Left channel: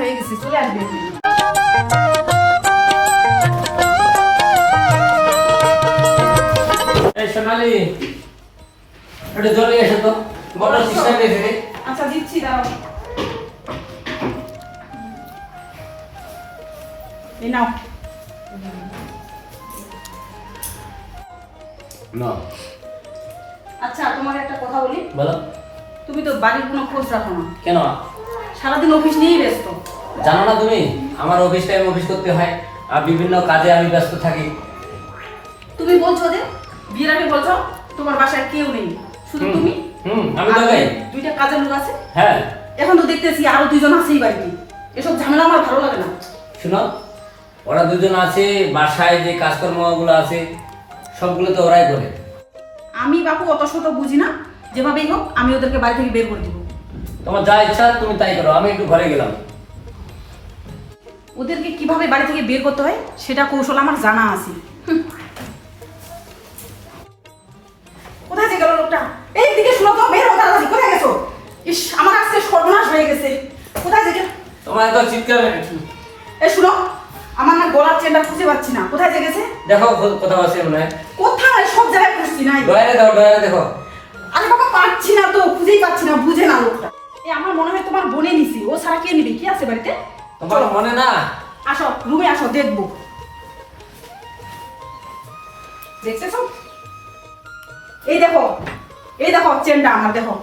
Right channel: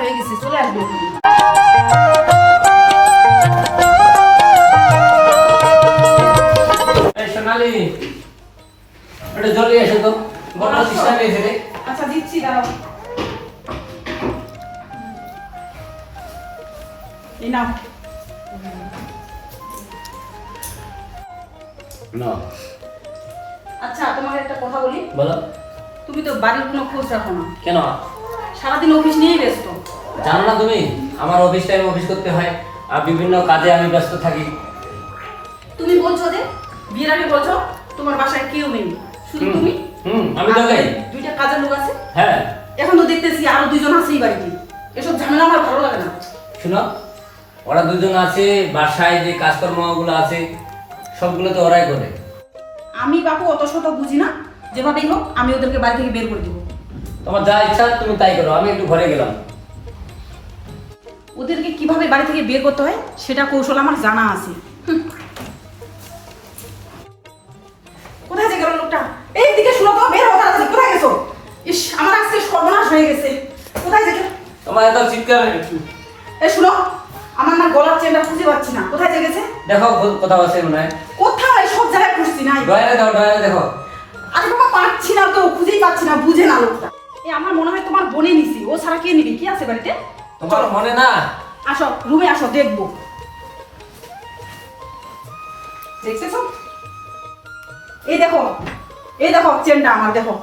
হয়ে গেছে, চলে আসবে। এই সোনালি, একটু জলদি এসো তো, বড় সিস্টার এসে রে। আচ্ছা দিচ্ছি, দাঁড়াও। এই নাও। না। আচ্ছা তোমাকে একটা কথা বলি। বলো। তুমি তো বাড়ির কোনো খোঁজ রাখো না কেন? সারাদিন অফিস নিয়েই ব্যস্ত। জানো না তুমি, আমার অফিস টাইম অফিস করতে হয় আর বিভিন্ন কাজে আমি ব্যস্ত থাকি। তুমি বলছো যে বিয়ের আগে বলছো তোমার বাসায় কেউ নেই, শুধু তুমি। আমি তো যাই। দুইটা কাজের লোক আছে। হ্যাঁ। এখন তো দেখতেছি আরো দুইজন আছেই বাড়িতে। এসব ঝামেলা আমার ভালো লাগে না। শুনো, ওরা দুজন আছে, বাসায় যে কাজকর্মগুলো আছে সবগুলো তো ওরাই করে। আমি বাপু অত শত বুঝি না, যেভাবেই হোক আমি ওদেরকে বাড়ি থেকে বের করে দিব। তোমার যা ইচ্ছা তুমি তাই করো, আমি একটু ঘরে গেলাম। ওদেরকে কিভাবে বাড়ি থেকে বের করতে হয় সেটা কৌশল আমার জানা আছে। কোথায় যে গেল লোকটা? এই দিকে শুনো তো, বের হও তাড়াতাড়ি। কোথায় গেছো? ইস, আমার আজকে সর্বনাশ হয়ে গেছে। কোথায় যে গেল? তোমার এত চিৎকার। এই শুনো, আমার না গলার চেনটা খুঁজে পাচ্ছি না। কোথায় যে গেছে? দেখো কোথাও আছে মনে হয়। কোথাও এই সব জায়গায় খুঁজছি নাই। ডয়ারে দাও, ডয়ারে দেখো। আরে বাবা, পাচ্ছি না তো, খুঁজেই পাচ্ছি না, বুঝে না লোকটা। এই আমার মনে হয় তোমার বোনে নিছি, ও ছাড়া কে নিবে? কি আছে বাড়িতে? তোমার মনে না? আসো রুমে আসো, দেখবো। দেখতেছো? এই দেখো, এই দেখো চেনটা আমার, দেখো।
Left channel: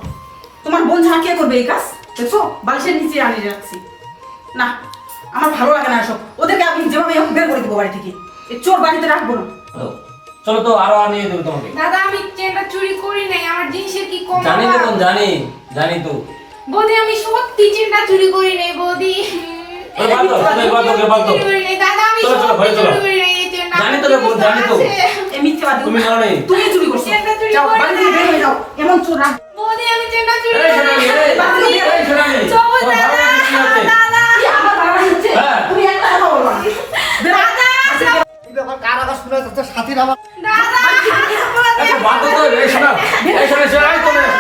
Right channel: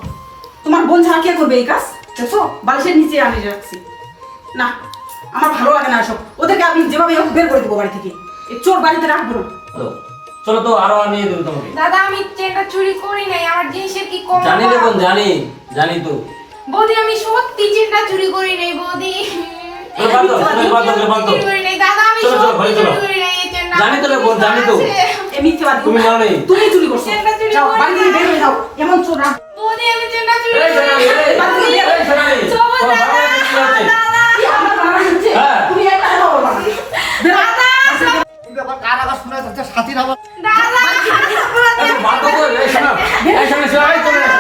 তোমার বোন ছাড়া কে করবে এই কাজ? দেখছো, বালিশের নিচে আনি রাখছি। না, আমার ভালো লাগে না এসব। ওদেরকে আমি যেভাবে হোক বের করে দেবো বাড়ি থেকে। এই চোর বাড়িতে রাখবো না। চলো তো, আরো আনিয়ে দেবো তোমাকে। দাদা আমি চেনটা চুরি করি নাই, আমার জিনিসের কি কম? জানি না কোন, জানি তো। বৌদি আমি সত্যি চেনটা চুরি করি নাই বৌদি। চুরি করি নাই দাদা, আমি সত্যি চুরি করি নাই এই চেনটা। জানি তো রে বোন, জানি তো। এই মিথ্যাবাদী। তুমি নাও নেই। তুমি চুরি করছো। চেনটা চুরি যাও করি বাড়ি থেকে বের হয়ে যাও, এমন চোর রাখ। বৌদি আমি চেনটা চুরি এই করি সোনালি, নাই। এই সোনালি। সবুজ তোমার দাদা, ভালো কিছু আছে? দাদা, কি আমার ভাড়া নিচ্ছে? হ্যাঁ। তুমি একটা কথা বলবা না। বের হও। দাদা, এই ব্যাপার কার আওয়াজ শুনে যাচ্ছে? সাথীর আওয়াজ। দাদা, আচ্ছা, বাদ দাও তো, এই শোনো। এই শোনো, সবাই চলে এসো,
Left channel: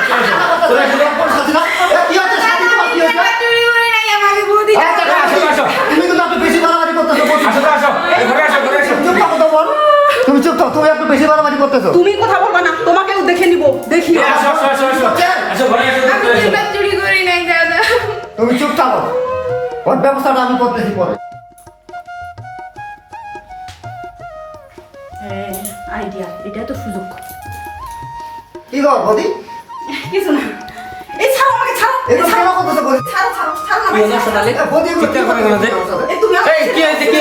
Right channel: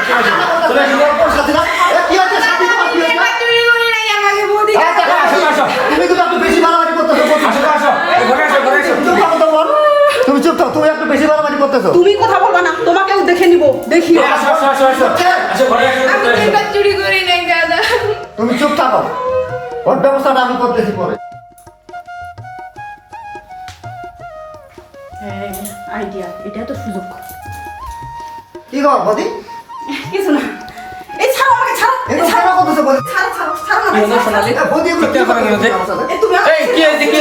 চলে এসো। কোন সাথীরা? এ, কি হচ্ছে? সাথী তোমার কি হচ্ছে? চেনটা চুরি করি নাই আমাকে বৌদি। এই দেখো, আসো, আসো। তুমি কিন্তু একটু বেশি বাড়াবাড়ি করতেছো। আসো, আসো। এই ঘরে আসো, ঘরে আসো। চুপ থাকো তো বোন। তুমি চুপ থাকো, তুমি একটু বেশি বাড়াবাড়ি করতেছো। তুমি কথা বলবা না, তোমাকেও দেখে নিব, দেখিও। আসো, আসো, আসো, আসো। আসো, ঘরে আসো, আমি ঘরে আসো। চেনটা চুরি করি নাই দাদা। তুমি চুপ থাকো, ওর ব্যবস্থাটা আমি করতেছি পরে। আইডিয়া, এটা তো সুযোগ। কি গো বদি? কিছু না। এই ছাড়ো আমাকে, ছাড়ো। এই তো কেন করতেছো বদি? ছাড়ো, ছাড়ো, ছাড়ো কি হলো সোনালি? এ, বদি এগুলো কি চিৎকার করে কেন যে? এই তুমি এই, কি হয়েছে, কি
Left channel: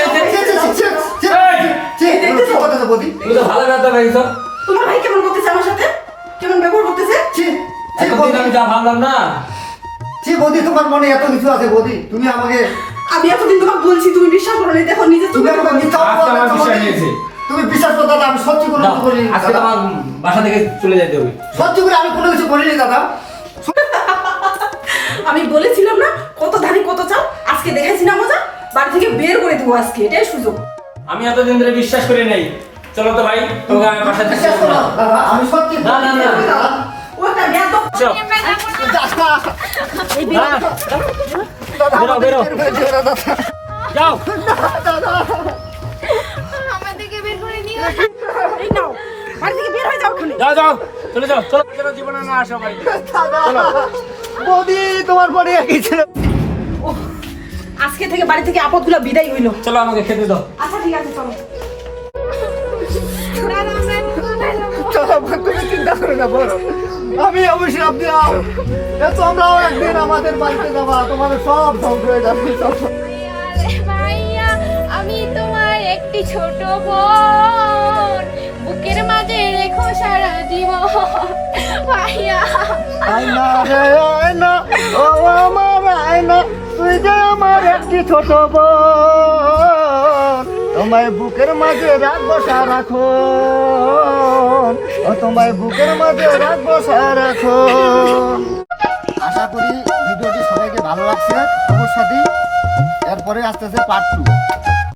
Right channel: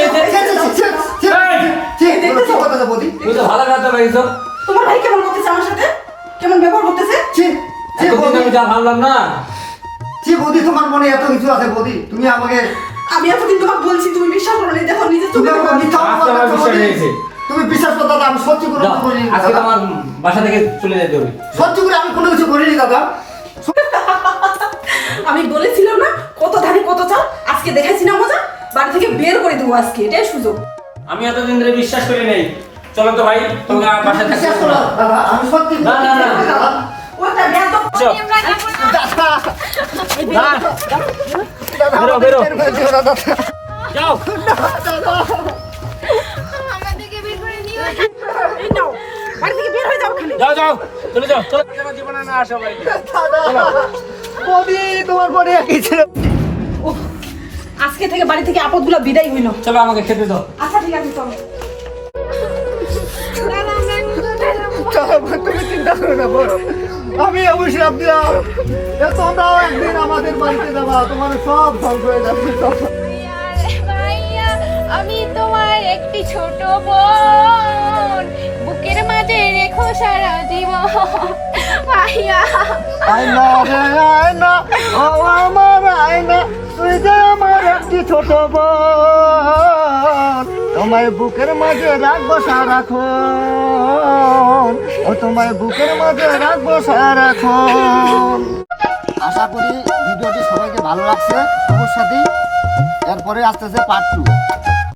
হয়েছে? এগুলো কি করতেছো বদি? তুমি তো ভালো ব্যবহার পাইছো। তোমার ভাই কেমন করতেছে আমার সাথে? কেমন ব্যবহার করতেছে? এতদিন আমি যা ভাবলাম না। বদি, তোমার মনে এত কিছু আছে বদি? তুমি আমাকে আমি এতদিন তোমাকে বলছি, তুমি বিশ্বাস করো না। দেখো নিজে তুমি তুমি আমাকে মিথ্যা আজকে অপবাদ আমার দিচ্ছ বিশ্বাস বদি। হয়েছে। তুমি বিশ্বাস করো দাদা, আমি সত্যি করে দাও, কিছু করিনি আজকে দাদা। তোমার বাসা থেকে চলে যেতে হবে। সত্যি করে আমি কোনো কিছু করিনি দাদা। আমি বলেছিলাম না, কত ধানে কত চাল। আজকে দেখাইছি না মজা, বাড়ি থেকে বের করে দেবো আজকে, এটাই সুযোগ। আমি এতদিন ধরে বিশ্বাস করি নাই। চলো তো ভাই, তোমাকে আমার বাসায় থাকতে বিশ্বাস হবে করো না। দাদা, আমি সত্যি না, না, না। দাদা। ওটা জ্ঞান তো। চলো, বেরো, বেরো। দাদা, যাও। আমাদেরকে বের করে দিও। এই নাও, বাড়ি থেকে বের হয়ে যাও ওখানে। যাও, যাও, চলে যাও। চলো, যেন জীবনে না আসো বাড়িতে। দাদা, বৌদি তোমার পরে একই ছিল। ওহ, আজকে থেকে বাড়ি থেকে আপদগুলো বিদায় হইলো। চলো, আমাকে খেতে দাও। আচ্ছা ঠিক আছে, চলো। দাদা আমরা কোথায় যাবো? চলো, তুমি চিন্তা করো না বলো। আমি অবশ্যই দিলাম, তোমরাও একদিন আমাদের বাড়িতে যাবা, তোমার সব ধ্বংস হয়ে যাবে সব। ভাইয়া আমি তোমার একটি ছোট বোন, বুকের মাঝে রেখো সারা জীবন। ভাইয়া আয়না রে আয়না, ও আমার আয়না, তুই যে আমার একটি ছোট বোন, তোমায় বুকের মাঝে রাখবো সারাক্ষণ, ও তোমায় বুকের মাঝে রাখবো সারাক্ষণ। আশা করি ভিডিওটি সবাইকে ভালো লাগছে। অবশ্যই এরপরে আসতেছে পার্ট 2।